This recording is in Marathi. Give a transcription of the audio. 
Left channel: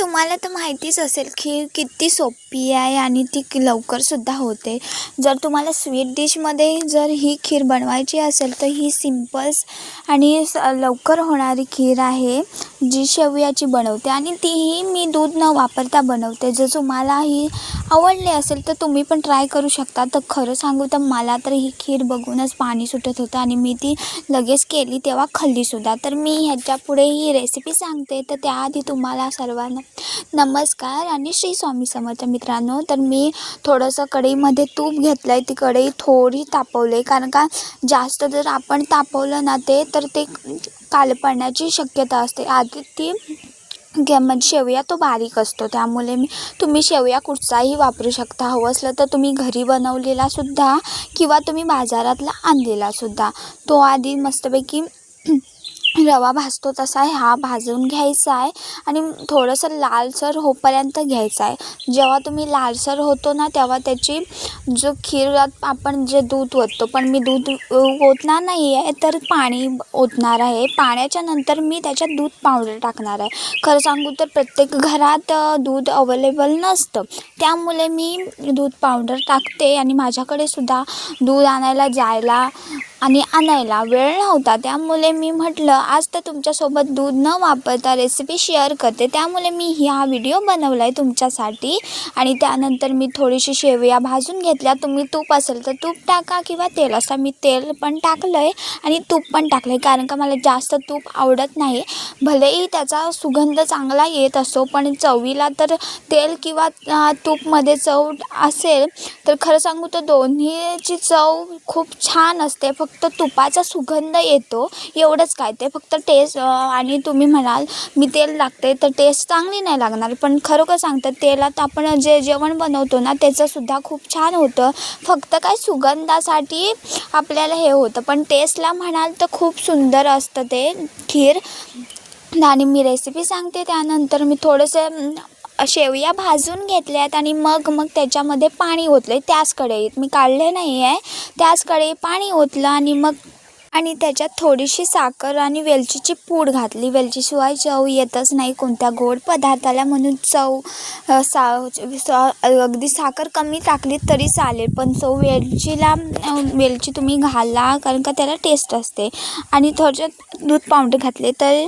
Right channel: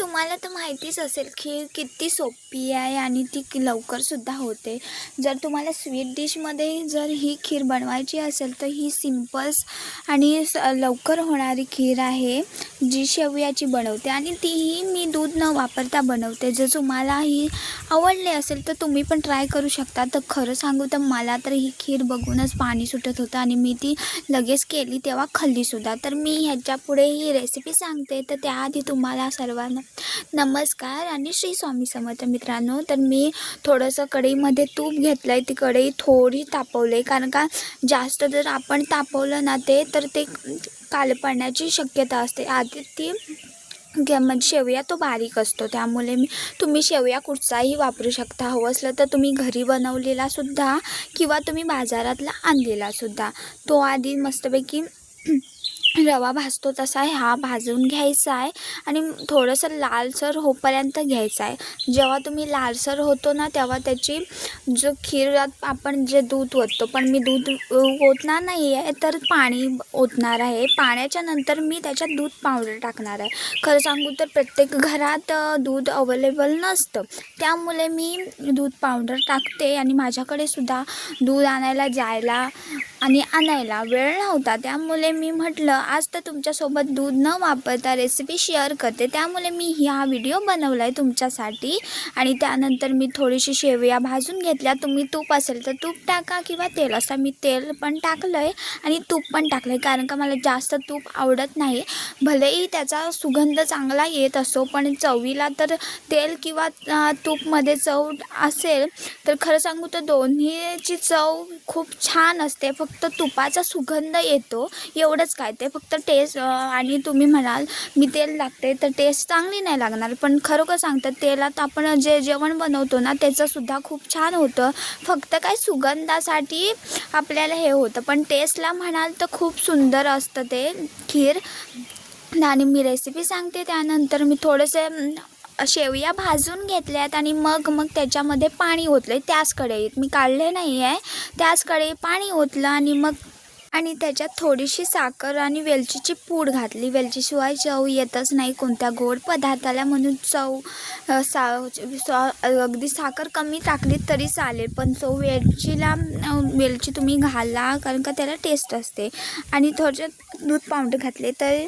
तुम्हाला तर माहितीच असेल खीर किती सोपी आहे आणि ती लवकरसुद्धा होते. जर तुम्हाला स्वीट डिशमध्ये जर ही खीर बनवायची असेल तर ही सिम्पल्स आणि लवकर होणारी खीर आहे, जी शेवयाची बनवते आणि तीही मी दूध न वापरता बनवते. जर तुम्हाला ही आवडली असेल तर तुम्ही पण ट्राय करू शकता. तर खरं सांगू तर मला तर ही खीर बघूनच पाणी सुटत होतं आणि मी ती लगेच केली तेव्हा खाल्लीसुद्धा. तर मी ह्याच्यापुढे ही रेसिपी सांगते. तर त्याआधी तुम्हाला सर्वांना नमस्कार आणि श्री स्वामी समर्थ मित्रांनो. तर मी थोडंसं कढईमध्ये तूप घेतलं आहे. ती कढई थोडी तापवली आहे, कारण का जास्त जर आपण तापवलं ना तर ते काळं पडण्याची शक्यता असते. आधी ती म्हणजे शेवया तो बारीक असतो, त्यामुळे तुम्ही शेवया कुठचाही वापरू शकता. हवं असलं तर तुम्ही घरी बनवलेलासुद्धा किंवा तुम्ही बाजारातला आणलेलासुद्धा. तो आधी मस्तपैकी रवा भाजतो तसा हा भाजून घ्यायचा आहे आणि थोडंसं लालसर होईपर्यंत घ्यायचा आहे. जेव्हा तुम्ही लालसर होतो ना तेव्हा त्याची जो खीरात आपण जे दूध ओततो, पण मी दूध ओतणार नाही आहे, तर पाणी ओतणार आहे. पाण्याच्या नंतर मी त्याच्यात दूध पावडर टाकणार आहे. खरं सांगू तर प्रत्येक घरात दूध अवेलेबल नसतं, त्यामुळे मी दूध पावडर टाकते. आणि माझ्याकडे सुद्धा दूध आणायला जायला आणि आणायला वेळ नव्हता, त्यामुळे मी म्हटलं आज तर तुमच्यासोबत दूध न वापरता रेसिपी शेअर करते. त्यामुळे मी हा व्हिडिओ बनवला आहे तुमच्यासाठी. आणि त्यानंतर मी थोडीशी शेवया भाजून घेतल्या. तुम्ही तूप असेल तर तूप टाका किंवा तेल, असं मी तेल पण टाकलं आहे आणि तूप पण टाकलं आहे, कारण का मला जास्त तूप आवडत नाही. भलेही त्याचा सुगंध चांगला येत असो, पण चवीला तर तेल किंवा तूपमध्ये चव असेल तर खरं सांगू तर दोन्हीची चव खूप छान असते. फक्त तुपाचा सुगंध येतो एवढंच काय, ते फक्त टेस्ट. आणि तुम्ही म्हणाल मी तेल लागते तर टेस्ट चांगली नाही लागणार, पण खरोखर सांगतात तेलात आपण जे जेवण बनवतो ना त्याचंसुद्धा खूप छान होतं. फक्त काय सुगंधासाठी आपल्याला हे होतं, पण टेस्टला म्हणाल तर खूप सुंदर असतं ते खीर. आणि मी रेसिपी सांगते. त्यानंतर मी थोडंसं शेवया भाजून घेतल्यात आणि मग त्याच्यामध्ये पाणी ओतलं आहे. त्याच कढईत मी काढले नाही आहे, त्याच कढईत पाणी ओतलं आणि त्याच्यात थोडीशी साखर आणि वेलचीची पूड घातली. वेलचीशिवाय चव येतच नाही कोणत्या गोड पदार्थाला, म्हणून अगदी साखर कमी टाकली तरी चालेल, पण वेलची तुम्ही घाला, कारण का त्याला टेस्ट असते. आणि थोडक्यात दूध पावडर घातले तर